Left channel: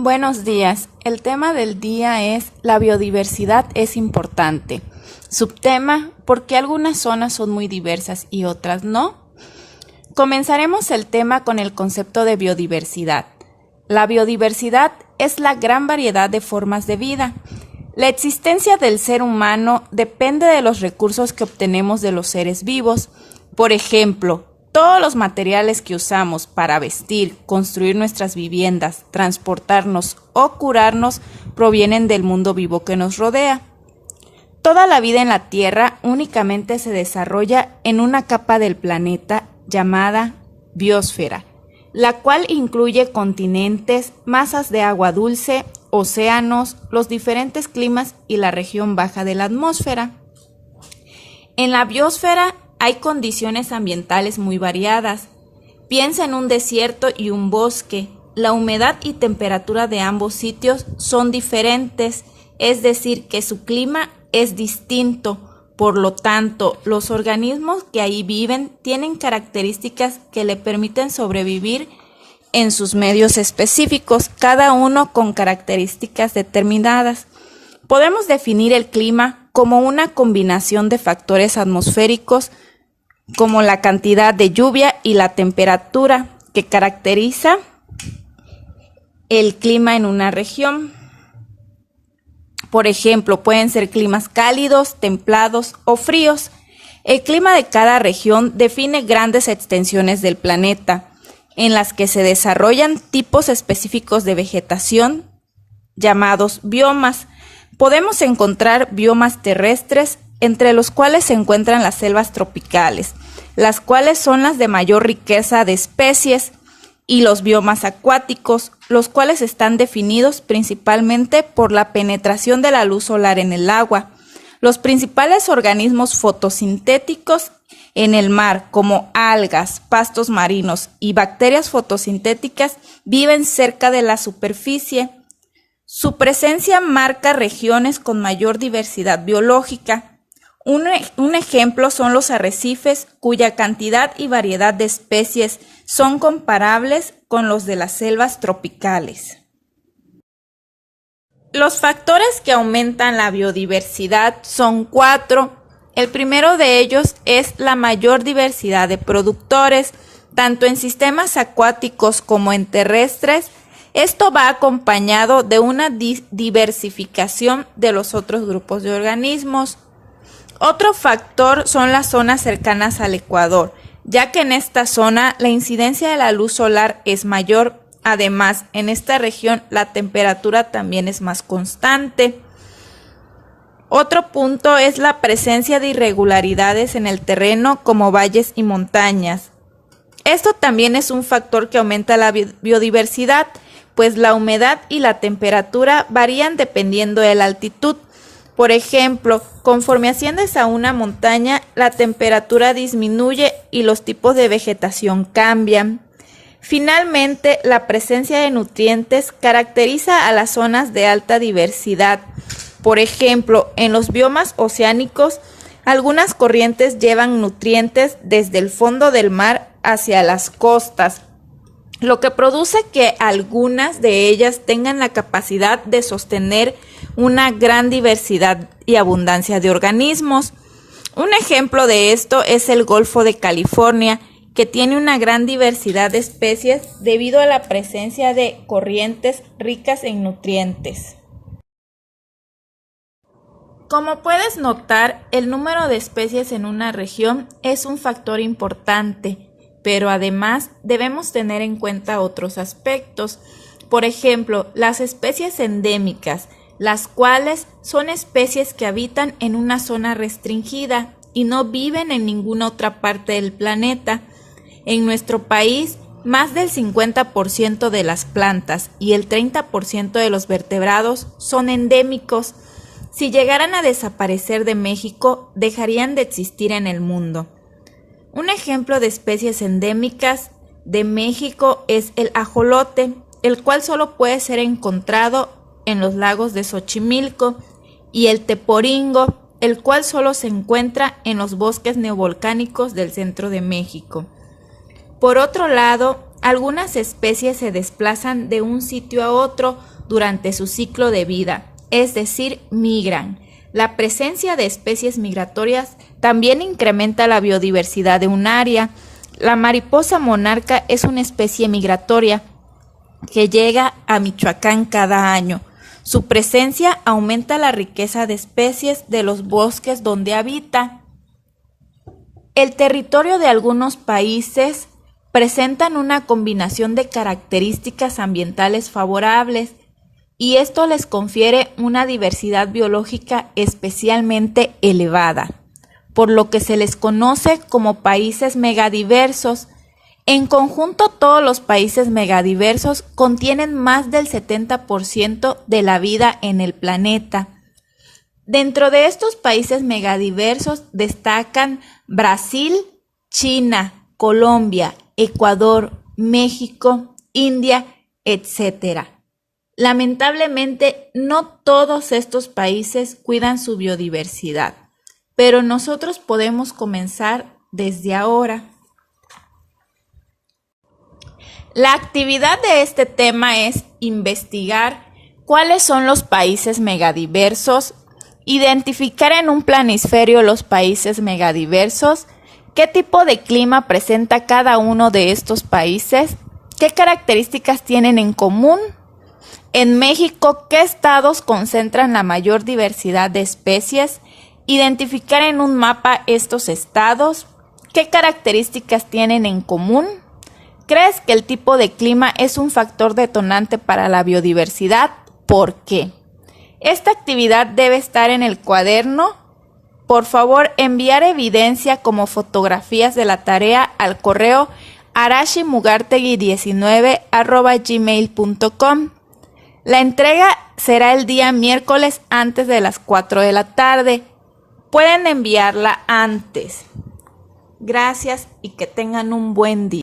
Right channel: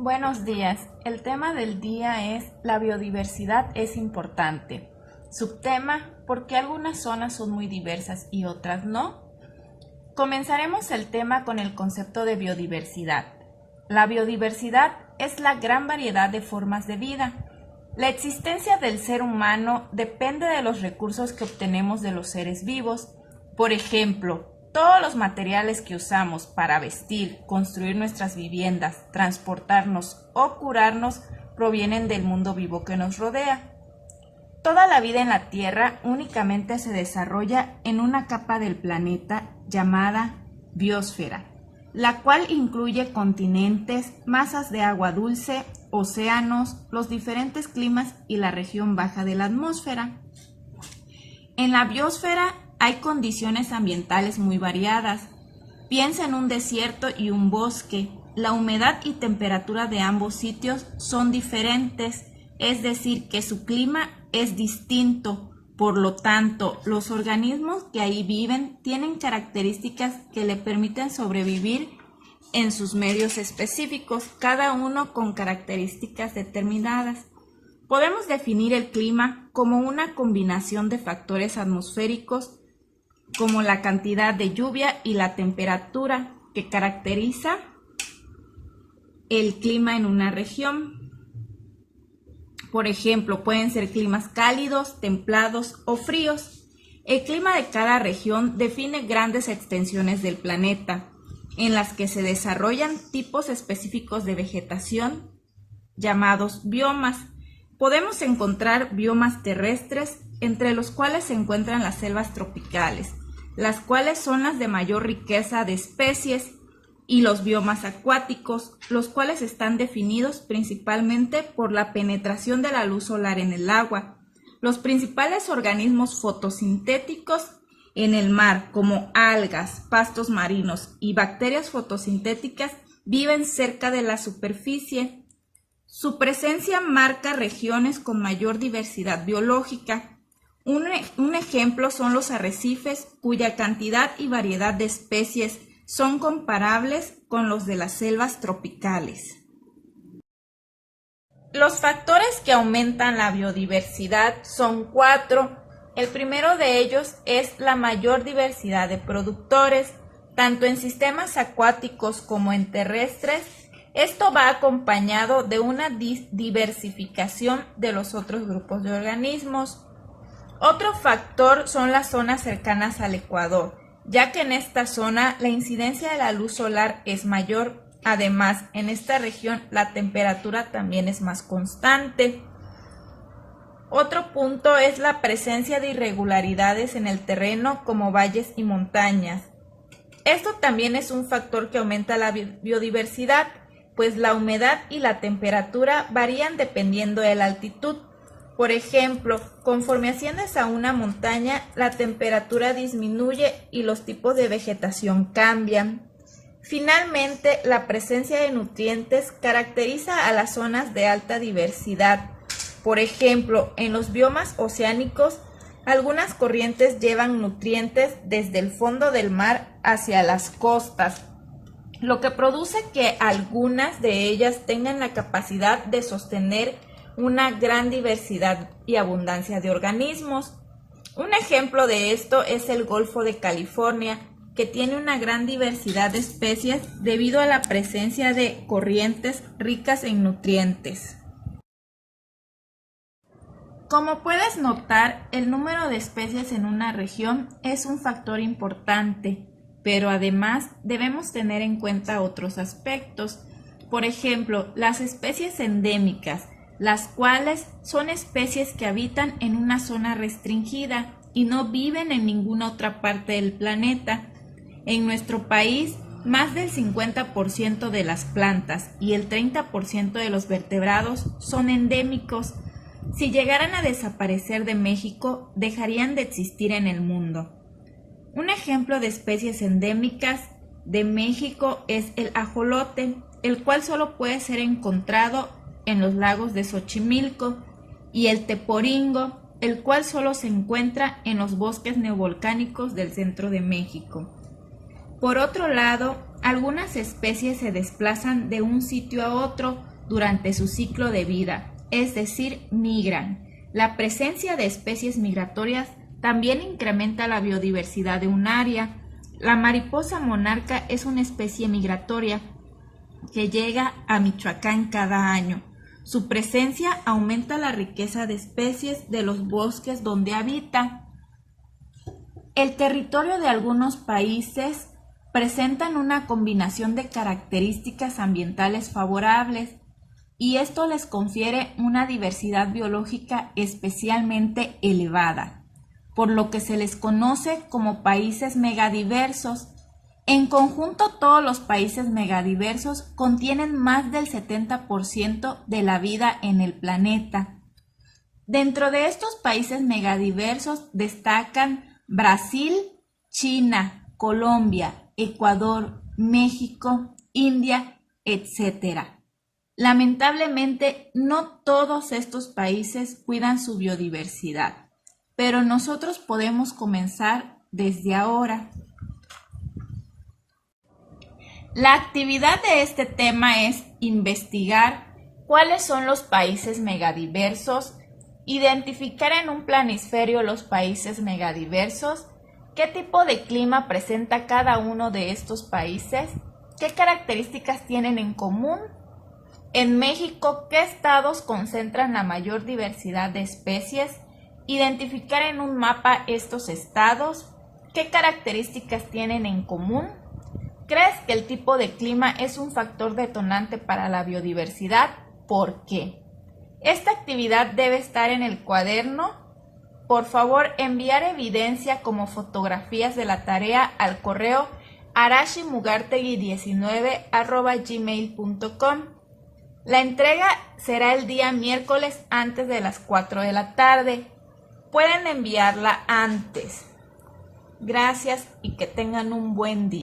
Buenos días. El tema del día es la biodiversidad es importante. Subtema, ¿por qué algunas zonas son muy diversas y otras no? Comenzaremos el tema con el concepto de biodiversidad. La biodiversidad es la gran variedad de formas de vida. La existencia del ser humano depende de los recursos que obtenemos de los seres vivos. Por ejemplo, todos los materiales que usamos para vestir, construir nuestras viviendas, transportarnos o curarnos provienen del mundo vivo que nos rodea. Toda la vida en la Tierra únicamente se desarrolla en una capa del planeta llamada biosfera, la cual incluye continentes, masas de agua dulce, océanos, los diferentes climas y la región baja de la atmósfera. En la biosfera hay condiciones ambientales muy variadas. Piensa en un desierto y un bosque. La humedad y temperatura de ambos sitios son diferentes, es decir, que su clima es distinto. Por lo tanto, los organismos que ahí viven tienen características que le permiten sobrevivir en sus medios específicos, cada uno con características determinadas. Podemos definir el clima como una combinación de factores atmosféricos, como la cantidad de lluvia y la temperatura que caracteriza el clima en una región. Por ejemplo, pueden ser climas cálidos, templados o fríos. El clima de cada región define grandes extensiones del planeta, en las que se desarrollan tipos específicos de vegetación, llamados biomas. Podemos encontrar biomas terrestres, entre los cuales se encuentran las selvas tropicales, las cuales son las de mayor riqueza de especies, y los biomas acuáticos, los cuales están definidos principalmente por la penetración de la luz solar en el agua. Los principales organismos fotosintéticos en el mar, como algas, pastos marinos y bacterias fotosintéticas, viven cerca de la superficie. Su presencia marca regiones con mayor diversidad biológica. Un ejemplo son los arrecifes, cuya cantidad y variedad de especies son comparables con los de las selvas tropicales. Los factores que aumentan la biodiversidad son 4. El primero de ellos es la mayor diversidad de productores, tanto en sistemas acuáticos como en terrestres. Esto va acompañado de una diversificación de los otros grupos de organismos. Otro factor son las zonas cercanas al Ecuador, ya que en esta zona la incidencia de la luz solar es mayor. Además, en esta región la temperatura también es más constante. Otro punto es la presencia de irregularidades en el terreno, como valles y montañas. Esto también es un factor que aumenta la biodiversidad, pues la humedad y la temperatura varían dependiendo de la altitud. Por ejemplo, conforme asciendes a una montaña, la temperatura disminuye y los tipos de vegetación cambian. Finalmente, la presencia de nutrientes caracteriza a las zonas de alta diversidad. Por ejemplo, en los biomas oceánicos, algunas corrientes llevan nutrientes desde el fondo del mar hacia las costas, lo que produce que algunas de ellas tengan la capacidad de sostener una gran diversidad y abundancia de organismos. Un ejemplo de esto es el Golfo de California, que tiene una gran diversidad de especies debido a la presencia de corrientes ricas en nutrientes. Como puedes notar, el número de especies en una región es un factor importante, pero además debemos tener en cuenta otros aspectos. Por ejemplo, las especies endémicas, las cuales son especies que habitan en una zona restringida y no viven en ninguna otra parte del planeta. En nuestro país, más del 50% de las plantas y el 30% de los vertebrados son endémicos. Si llegaran a desaparecer de México, dejarían de existir en el mundo. Un ejemplo de especies endémicas de México es el ajolote, el cual solo puede ser encontrado en los lagos de Xochimilco, y el teporingo, el cual solo se encuentra en los bosques neovolcánicos del centro de México. Por otro lado, Algunas especies se desplazan de un sitio a otro durante su ciclo de vida, es decir, migran. La presencia de especies migratorias también incrementa la biodiversidad de un área. La mariposa monarca es una especie migratoria que llega a Michoacán cada año. Su presencia aumenta la riqueza de especies de los bosques donde habita. El territorio de algunos países presentan una combinación de características ambientales favorables y esto les confiere una diversidad biológica especialmente elevada, por lo que se les conoce como países megadiversos. En conjunto, todos los países megadiversos contienen más del 70% de la vida en el planeta. Dentro de estos países megadiversos destacan Brasil, China, Colombia, Ecuador, México, India, etc. Lamentablemente, no todos estos países cuidan su biodiversidad, pero nosotros podemos comenzar desde ahora. La actividad de este tema es investigar cuáles son los países megadiversos, identificar en un planisferio los países megadiversos, qué tipo de clima presenta cada uno de estos países, qué características tienen en común. En México, ¿qué estados concentran la mayor diversidad de especies? Identificar en un mapa estos estados. ¿Qué características tienen en común? ¿Crees que el tipo de clima es un factor detonante para la biodiversidad? ¿Por qué? Esta actividad debe estar en el cuaderno. Por favor, enviar evidencia como fotografías de la tarea al correo arashimugartegui19@gmail.com. La entrega será el día miércoles antes de las 4 de la tarde. Pueden enviarla antes. Gracias y que tengan un buen día.